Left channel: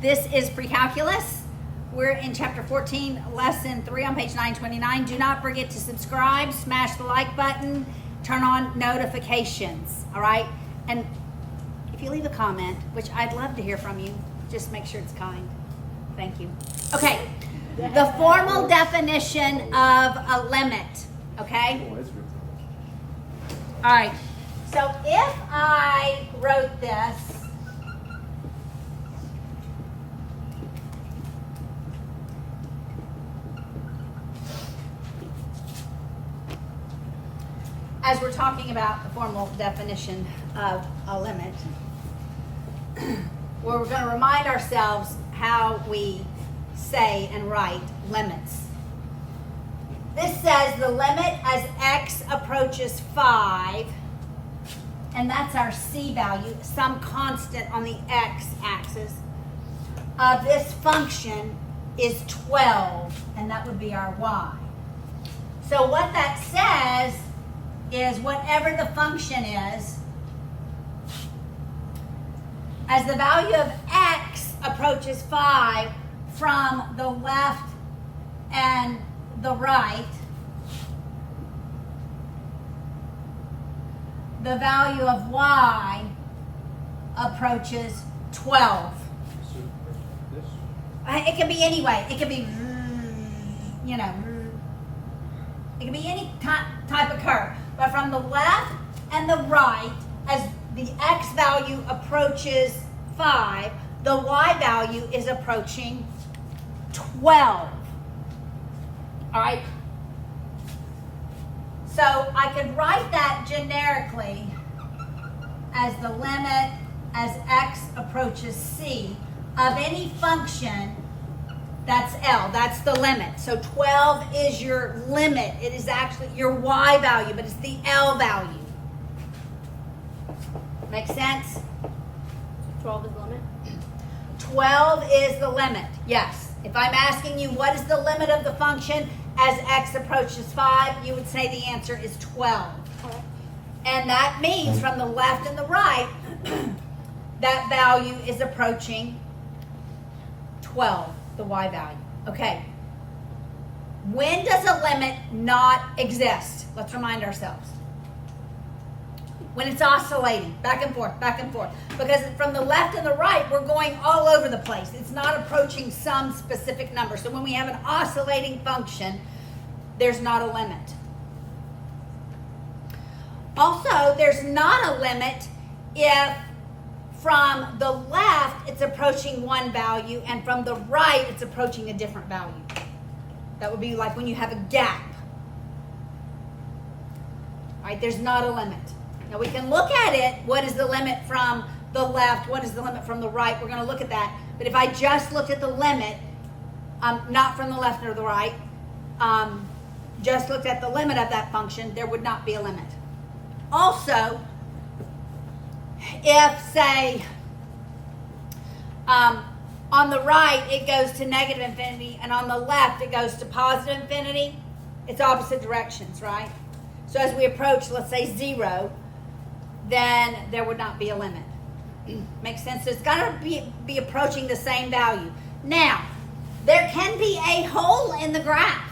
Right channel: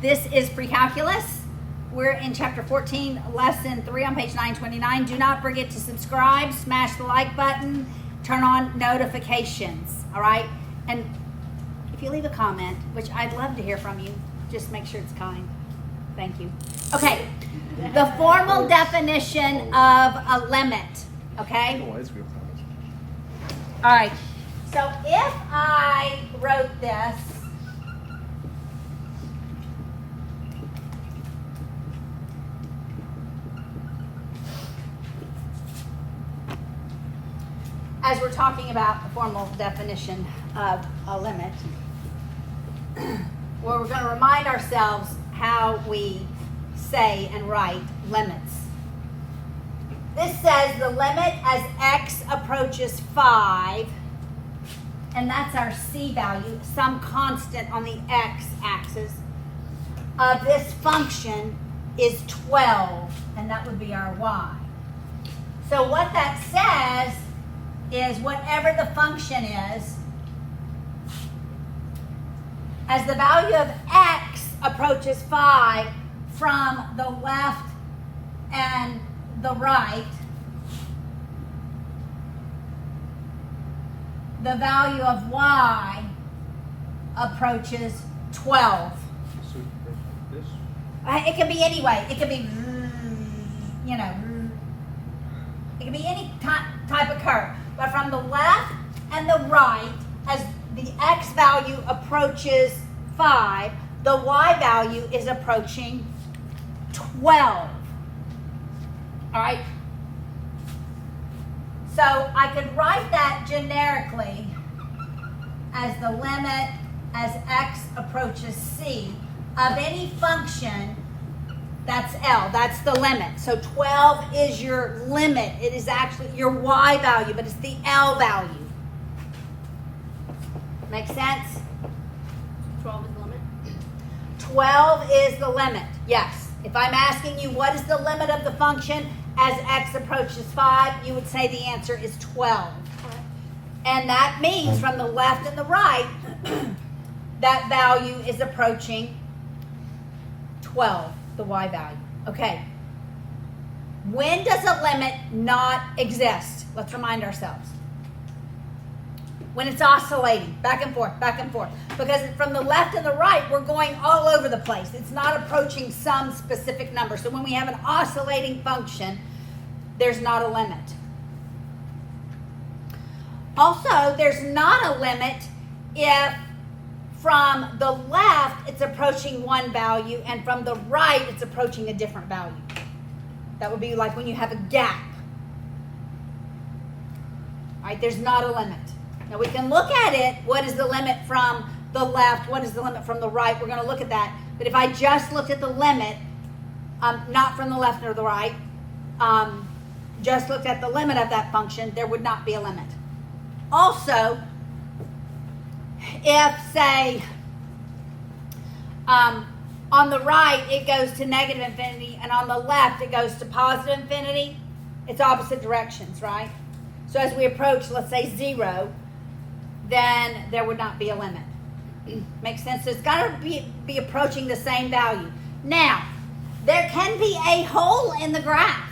This is Precalculus. We're in chapter 14, lesson 3 on page 929. Do not forget to subscribe, smash the like button, turn on notifications, all right? And if you leave a comment, which I'd love to hear from you, just make sure it's kind. Thank you. Okay, the formal definition of a limit, okay? All right, so if I wrote this, as we're talking about the formal definition of a limit, where we're going to remind ourselves how we say and write limits. This says the limit as x approaches 5, and that's our c value, some constant on the x-axis, of this function is 12, and that would be our y. So what that says is whatever the function is, as the value of x approaches 5 from the left and the right, the value of y approaches 12. It can be any way. It can be, you know, it can be any type of curve. But from the left and the right, as the x value approaches 5, the y value is approaching 12. All right? So I could write that generically as the limit as x approaches c of any function that's L. That's the limit. So 12 is your limit. It is actually your y value, but it's the L value. Make sense? 12 is the limit? 12 is the limit, yes. If I'm asking you what is the limit of the function as x approaches 5, you would say the answer is 12. Okay. And that means from the left and the right, that value is approaching 12, the y value. Okay. When does a limit not exist? Let's remind ourselves. When it's oscillating, back and forth, back and forth. Because from the left and the right, we're going all over the place. It's not approaching some specific number. So when we have an oscillating function, there's not a limit. Also, there's not a limit if from the left it's approaching one value and from the right it's approaching a different value. That would be like when you have a gap. All right, there's not a limit. Now we can look at it. What is the limit from the left? What is the limit from the right? We're going to look at that. But if I just looked at the limit, not from the left or the right, just looked at the limit of that function, there would not be a limit. Also, if, say, on the right it goes to negative infinity and on the left it goes to positive infinity, it's opposite directions, right? So as we approach, let's say 0, then there would not be a limit. Makes sense? So it's got to be approaching the same value. Now, there can be a hole in the graph,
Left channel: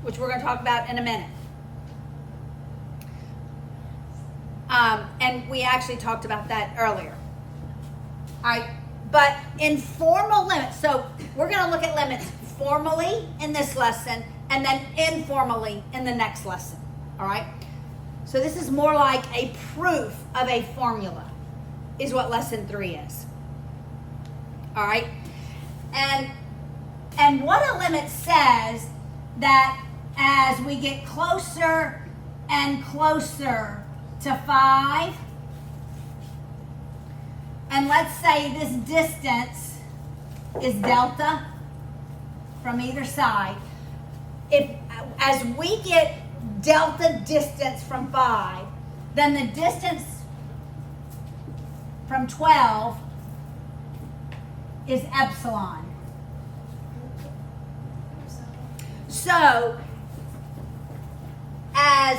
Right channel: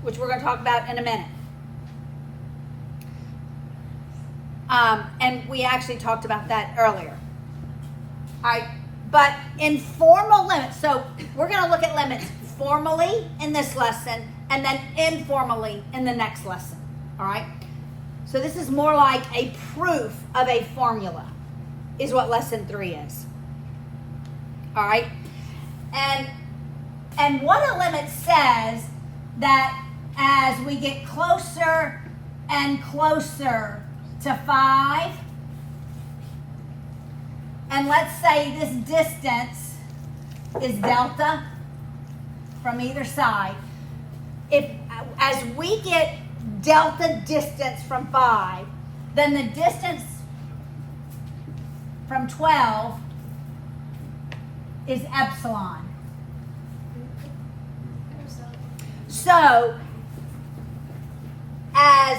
which we're going to talk about in a minute. And we actually talked about that earlier. All right, but informal limits. So we're going to look at limits formally in this lesson and then informally in the next lesson. All right. So this is more like a proof of a formula, is what lesson 3 is. All right. And what a limit says that as we get closer and closer to 5, and let's say this distance is delta from either side, if as we get delta distance from 5, then the distance from 12 is epsilon. So as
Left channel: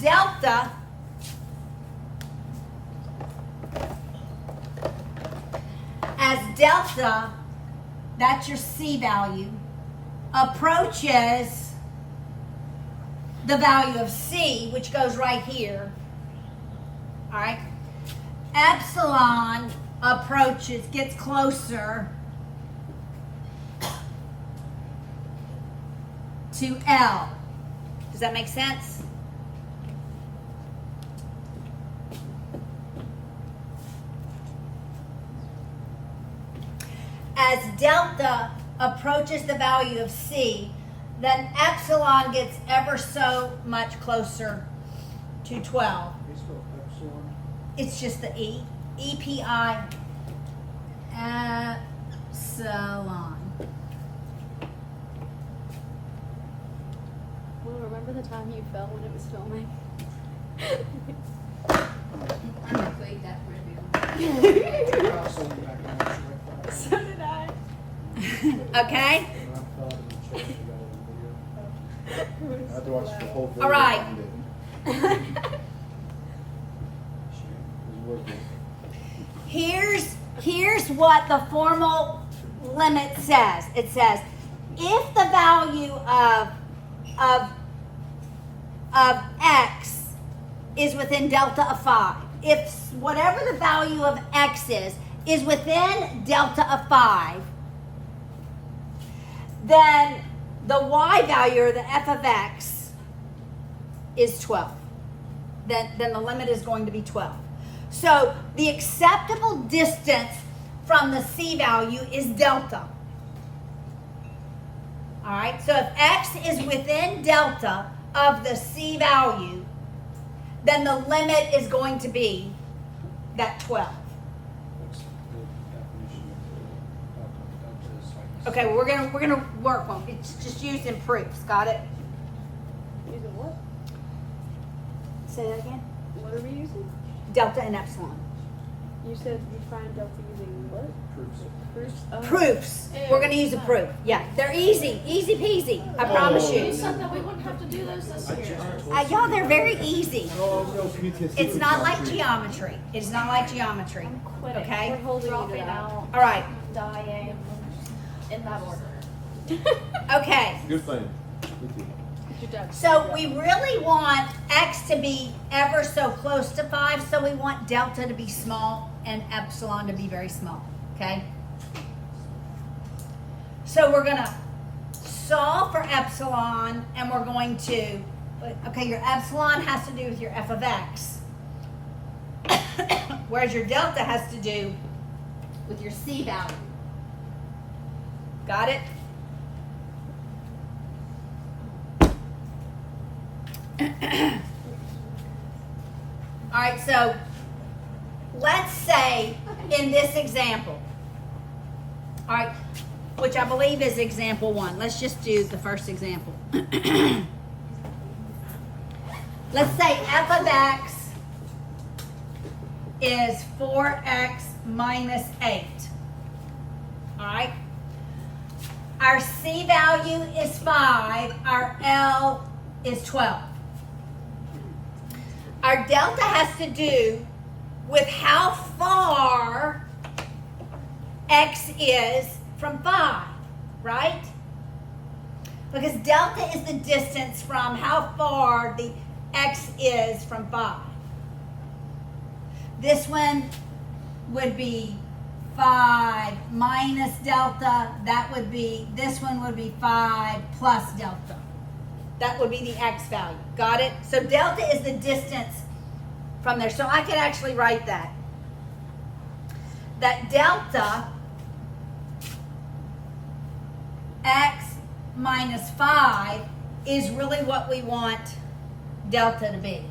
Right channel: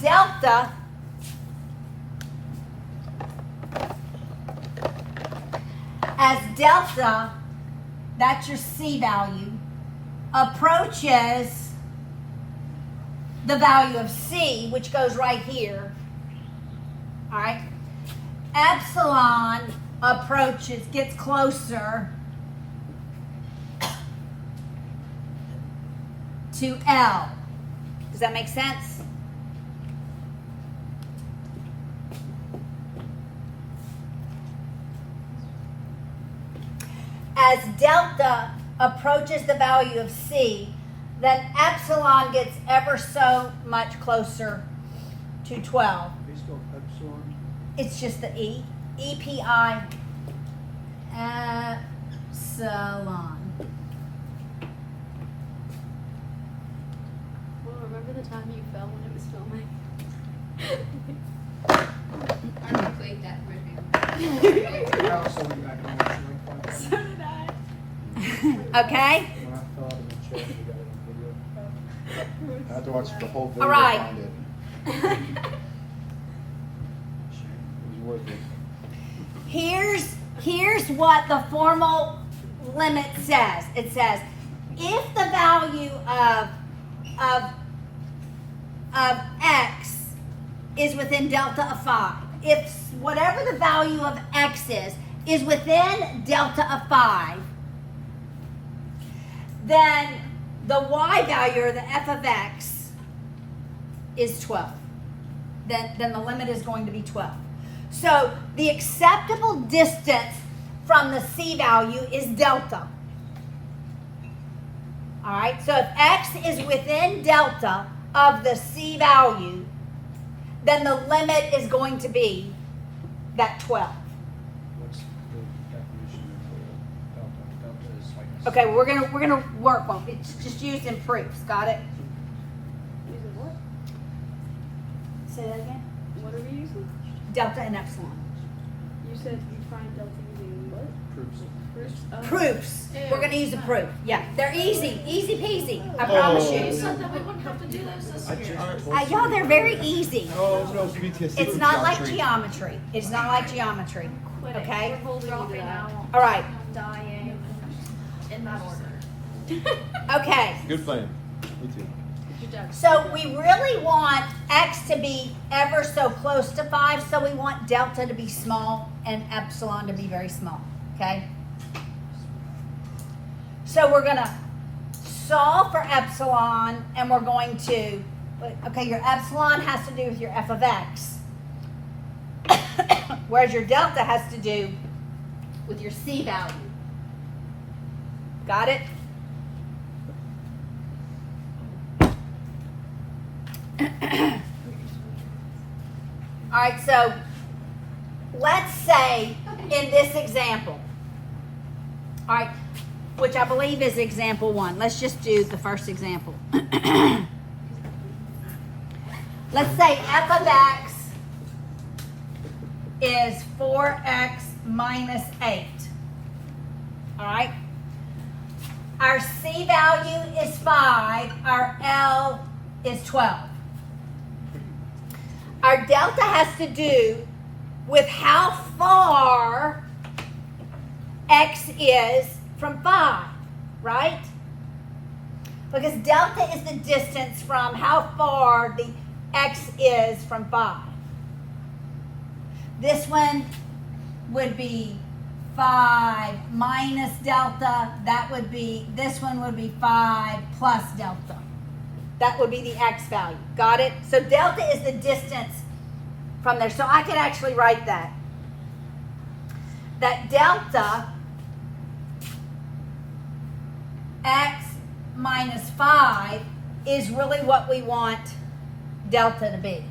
delta as delta, that's your C value, approaches the value of C, which goes right here, all right, epsilon approaches, gets closer to L. Does that make sense? As delta approaches the value of C, then epsilon gets ever so much closer to 12. It's just the E. EPI epsilon. Well, remember the time you fell when it was filming? I replayed that video. So did I. Okay? I have to watch the whole video. All right. To find it. It was worth it. Here's what the formal limit says. It says if the value of x is within delta of 5, if whatever the value of x is within delta of 5, then the y value, or the f of x, is 12. Then the limit is going to be 12. So the acceptable distance from the C value is delta. All right, so if x is within delta of the C value, then the limit is going to be that 12. Okay, well, we're gonna work on it. It's just used in proofs. Got it? Using what? Say that again. What are we using? Delta and epsilon. You said you find delta using what? Proofs. Oh. Proofs. We're gonna use a proof. Yeah, they're easy peasy. I promise you. that we wouldn't have to do those this year. Y'all, they're very easy. Oh, no, PTSD. It's not like geometry. It's not like geometry. Okay. They're holding Dropping it out. out, All right. dying, in that order. Okay. Good plan. Me too. Good job. So we really want x to be ever so close to 5, so we want delta to be small and epsilon to be very small, okay? So we're gonna solve for epsilon, and we're going to, okay, your epsilon has to do with your f of x, whereas your delta has to do with your C value. Got it? All right, so let's say in this example, all right, which I believe is example 1. Let's just do the first example. Let's say f of x is 4x minus 8. All right. Our C value is 5. Our L is 12. Our delta has to do with how far x is from 5, right? Because delta is the distance from how far the x is from 5. This one would be 5 minus delta. That would be, this one would be 5 plus delta. That would be the x value. Got it? So delta is the distance from there. So I could actually write that. That delta x minus 5 is really what we want delta to be.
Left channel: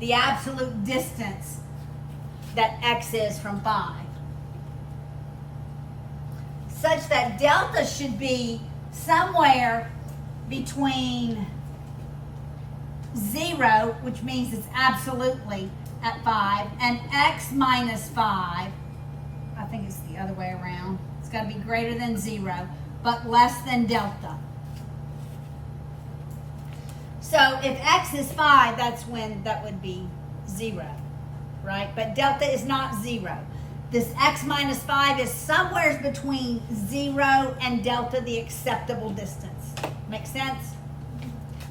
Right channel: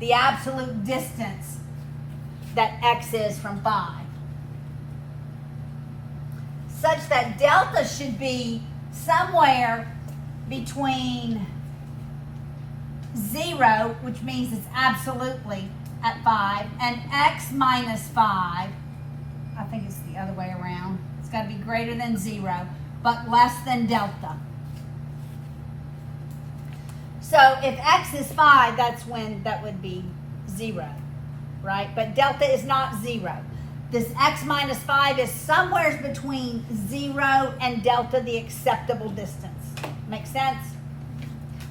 The absolute distance that x is from 5. Such that delta should be somewhere between 0, which means it's absolutely at 5, and x minus 5, I think it's the other way around. It's got to be greater than 0, but less than delta. So if x is 5, that's when that would be 0, right? But delta is not 0. this x minus 5 is somewhere between 0 and delta, the acceptable distance. Make sense?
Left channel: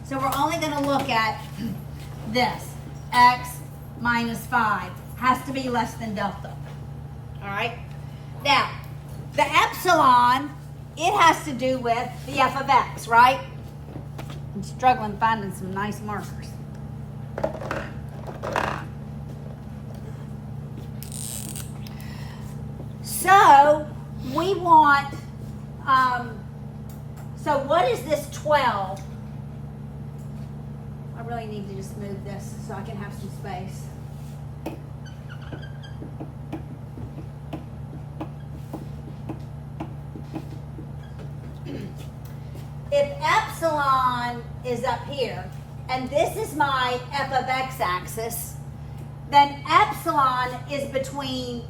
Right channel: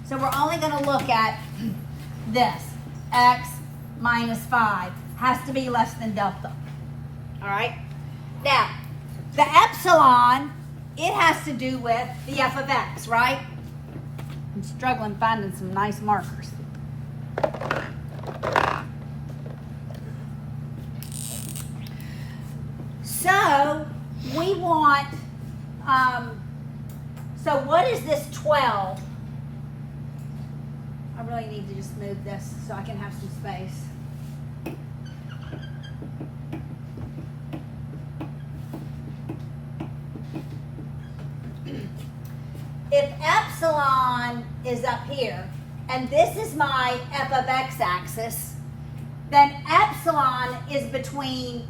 So we're only going to look at this. X minus 5 has to be less than delta. All right? Now, the epsilon, it has to do with the f of x, right? I'm struggling finding some nice markers. So, we want, so what is this 12? I really need to just move this so I can have some space. If epsilon is up here, and this is my f of x axis, then epsilon is between,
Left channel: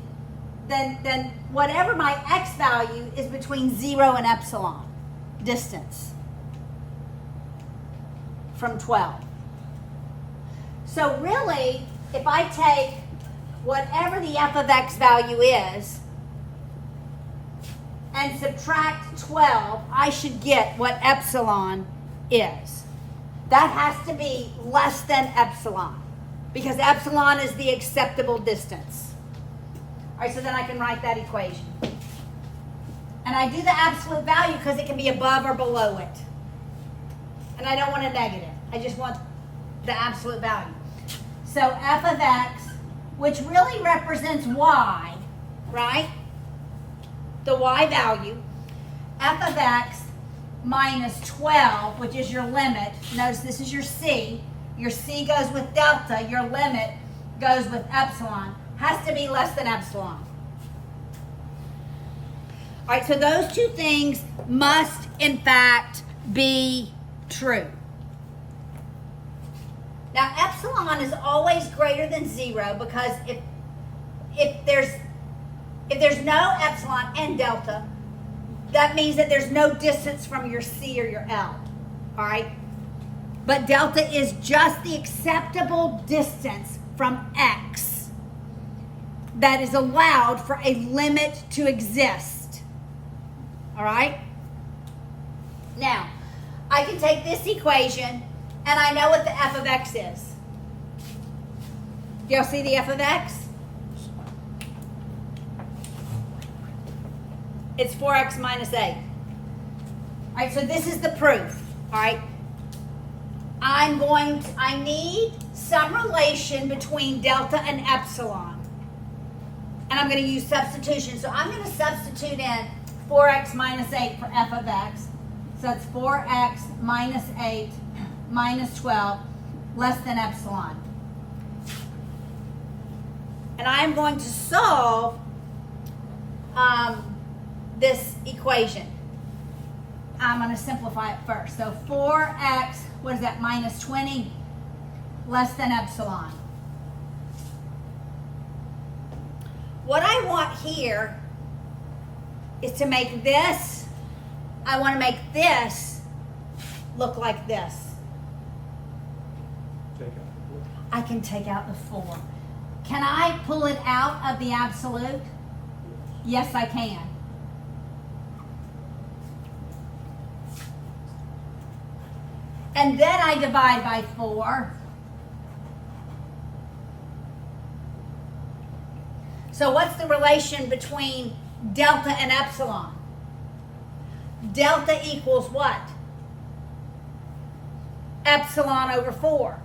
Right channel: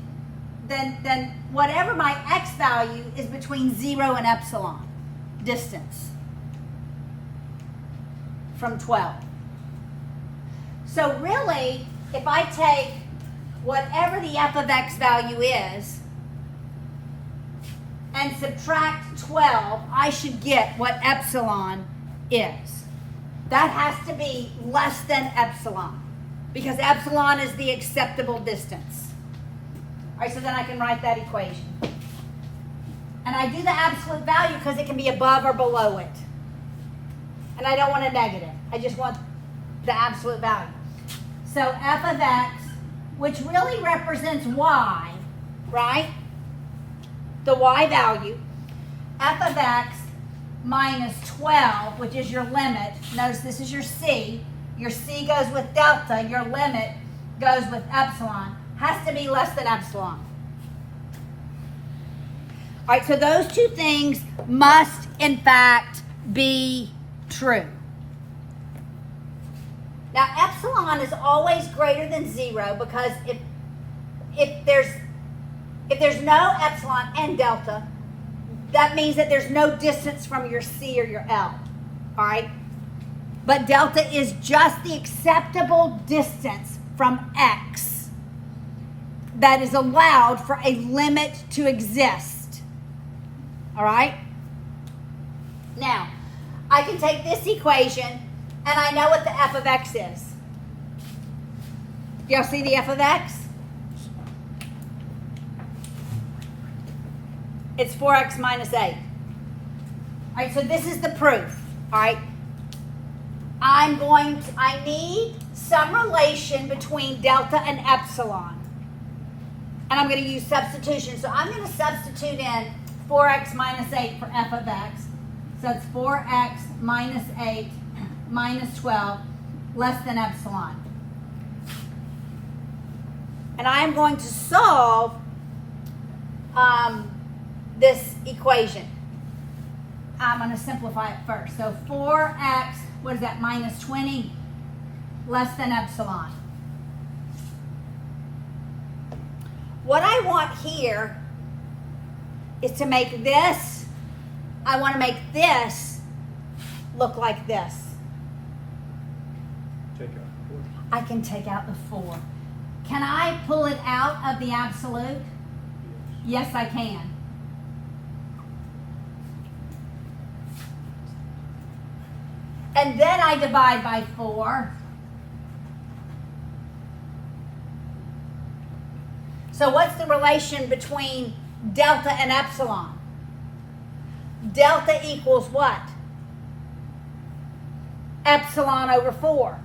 then whatever my x value is between 0 and epsilon distance from 12. So really, if I take whatever the f of x value is and subtract 12, I should get what epsilon is. That has to be less than epsilon because epsilon is the acceptable distance. All right, so then I can write that equation. And I do the absolute value because it can be above or below it. And I don't want a negative. I just want the absolute value. So f of x, which really represents y, right? The y value, f of x minus 12, which is your limit. Notice this is your c. Your c goes with delta. Your limit goes with epsilon. Has to be less than epsilon. All right, so those two things must, in fact, be true. Now, epsilon is always greater than 0 because if there's no epsilon and delta, that means that there's no distance from your C or your L. All right? But delta is just the acceptable distance from X that is allowed for a limit to exist. All right? Now, I can take this equation and I know what the f of x is. Y'all see the f of x? It's 4x minus 8. All right, so this is the proof. All right. I need some relation between delta and epsilon. And I'm going to use substitution. So I'm going to substitute in 4x minus 8 for f of x. So it's 4x minus 8 minus 12 less than epsilon. And I'm going to solve this equation. I'm going to simplify it first. So 4x, what is that, minus 20 less than epsilon. What I want here is to make this, I want to make this look like this. I can take out the 4. Can I pull it out of the absolute? Yes, I can. And then I divide by 4. So what's the relation between delta and epsilon? Delta equals what? Epsilon over 4.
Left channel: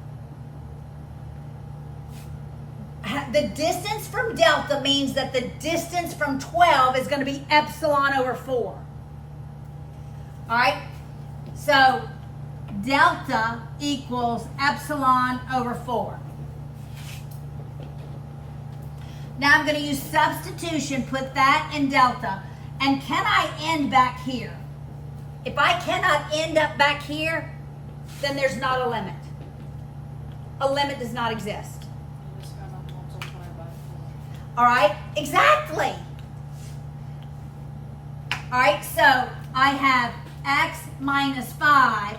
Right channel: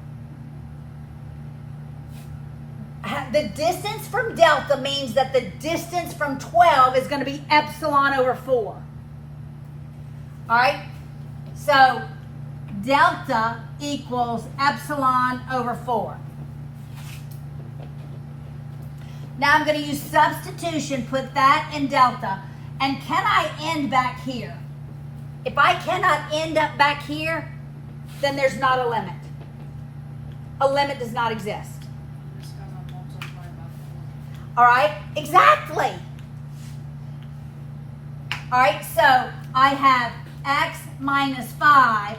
The distance from delta means that the distance from 12 is going to be epsilon over 4. All right? So delta equals epsilon over 4. Now I'm going to use substitution, put that in delta. And can I end back here? If I cannot end up back here, then there's not a limit. A limit does not exist. All right, exactly. All right, so I have x minus 5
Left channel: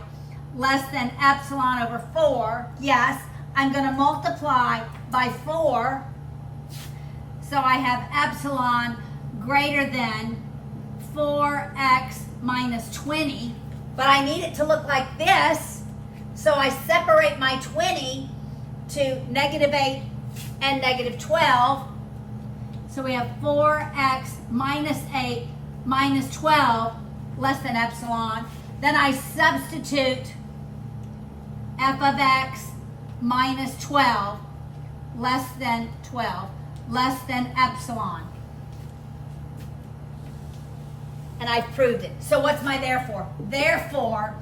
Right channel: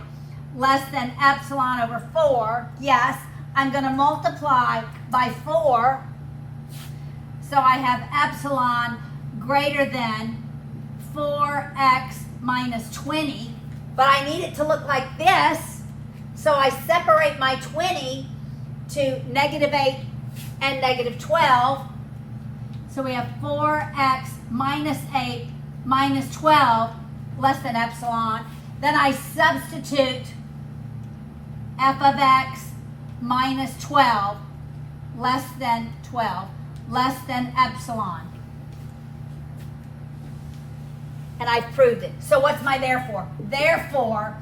less than epsilon over 4. Yes, I'm going to multiply by 4. So I have epsilon greater than 4x minus 20, but I need it to look like this, so I separate my 20 to -8 and -12. So we have 4x minus 8 minus 12 less than epsilon. Then I substitute f of x minus 12 less than 12 less than epsilon. And I've proved it. So what's my therefore? Therefore,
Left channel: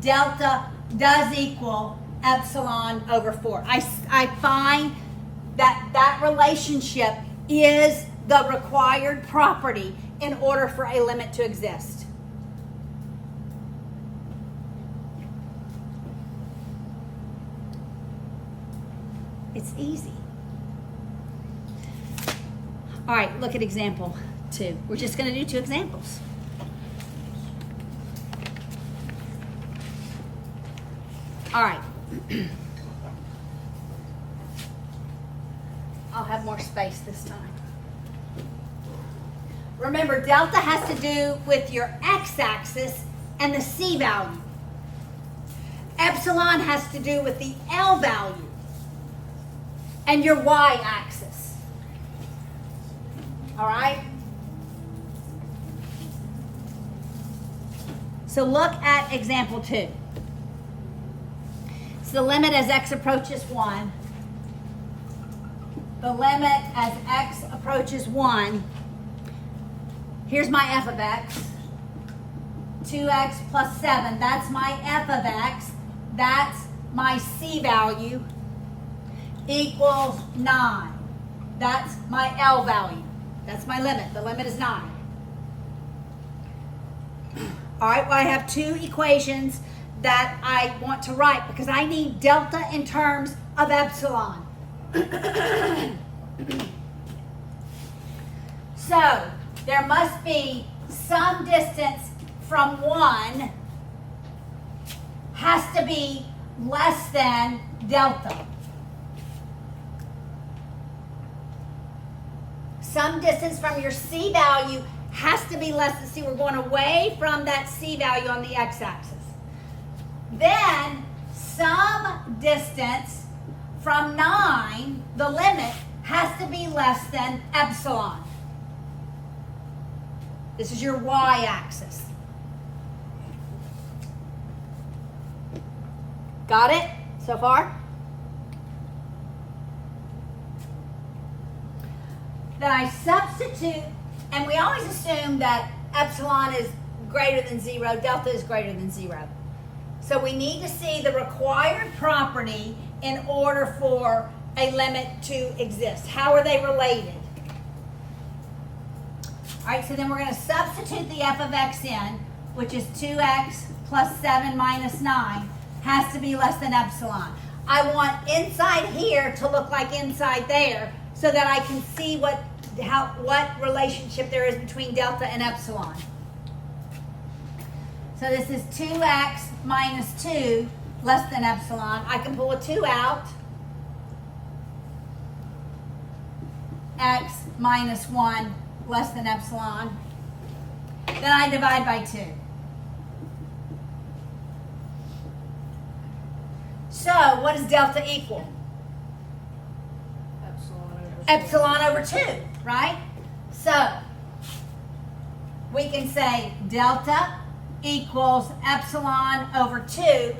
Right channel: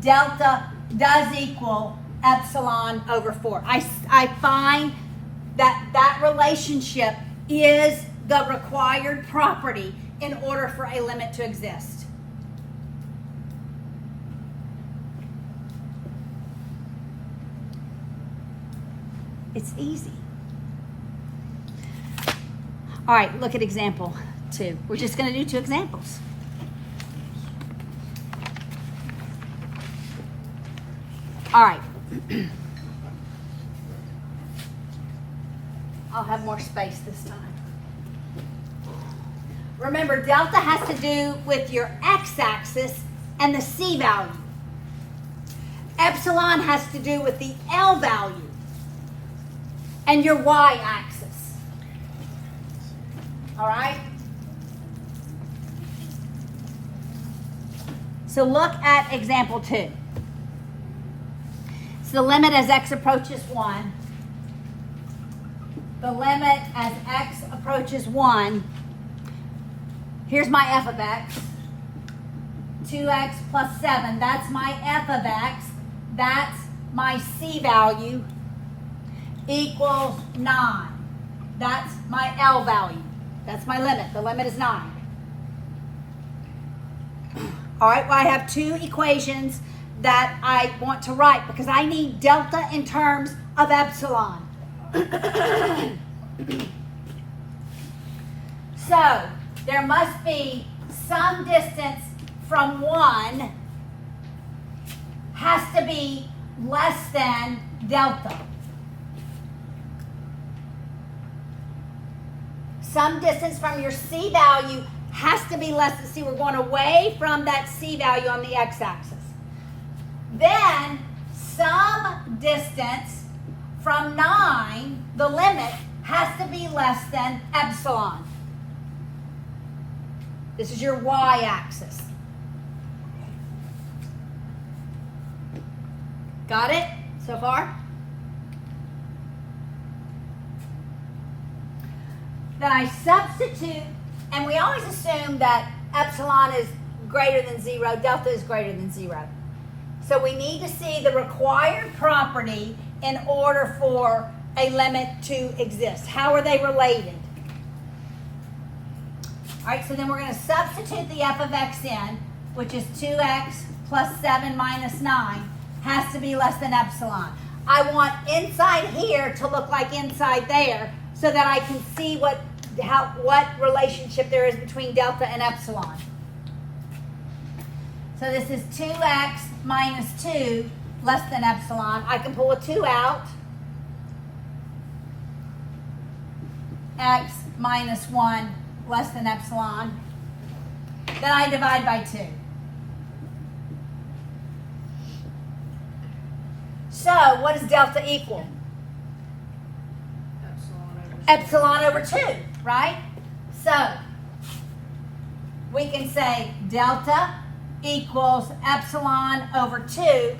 delta does equal epsilon over 4. I find that relationship is the required property in order for a limit to exist. It's easy. All right, look at example 2. We're just going to do 2 examples. All right. I'll have more space this time. Remember, delta has to do with your x-axis and the c value. Epsilon has to do with the L value and your y-axis. All right? So look at example 2. So the limit as x approaches 1. The limit as x approaches 1. Here's my f of x. 2x plus 7. That's my f of x. That's my c value. Equals 9. That's my L value. That's my limit. The limit is 9. All right, well, I have 2 equations that I want to write because I need delta in terms of epsilon. So, there must be some distance from 1 has to be less than delta. Some distance from your c value has to be less than c. We're going away from that c value on the x-axis. Then, some distance from 9, the limit, has to be less than epsilon. This is your y-axis. Got it so far? Then I substitute, and we always assume that epsilon is greater than 0, delta is greater than 0. So we need to see the required property in order for a limit to exist. How are they related? All right, so then we're going to substitute the f of x in, which is 2x plus 7 minus 9, has to be less than epsilon. I want inside here to look like inside there so that I can see what relationship there is between delta and epsilon. So this is 2x minus 2 less than epsilon. I can pull a 2 out. X minus 1 less than epsilon. Then I divide by 2. So what does delta equal? Epsilon over 2, right? So we can say delta equals epsilon over 2,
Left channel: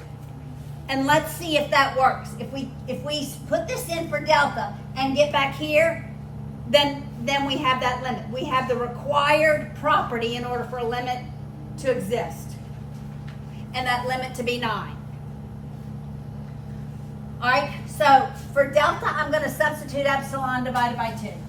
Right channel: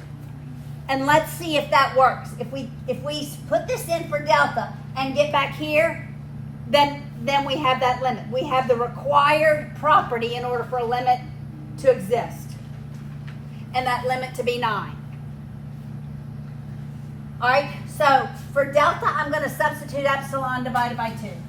and let's see if that works. If we put this in for delta and get back here, then we have that limit. We have the required property in order for a limit to exist, and that limit to be 9. All right, so for delta, I'm going to substitute epsilon divided by 2.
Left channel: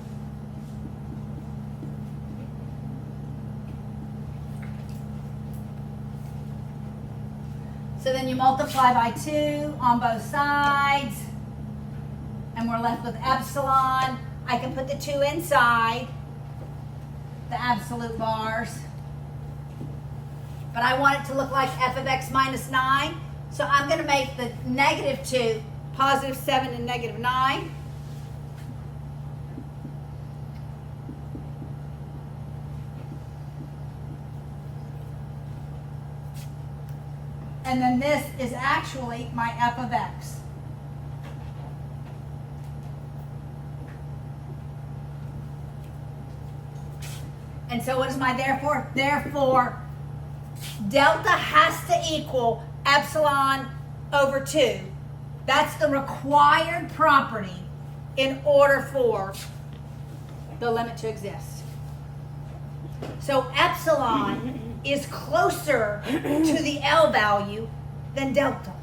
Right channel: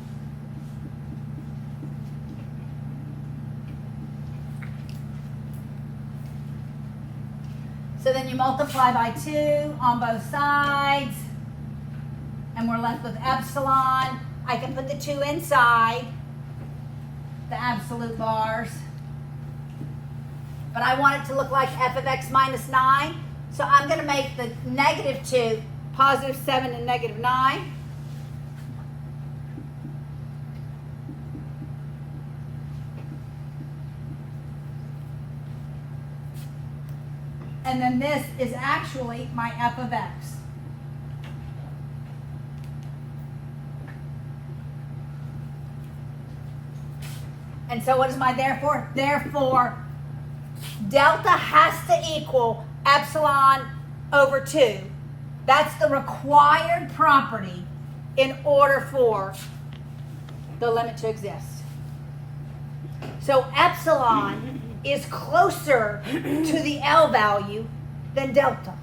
So then you multiply by 2 on both sides, and we're left with epsilon. I can put the 2 inside the absolute bars, but I want it to look like f of x minus 9, so I'm going to make the negative 2 positive 7 and negative 9. and then this is actually my f of x. And so what is my therefore? Therefore, delta has to equal epsilon over 2. That's the required property in order for the limit to exist. So epsilon is closer to the L value than delta.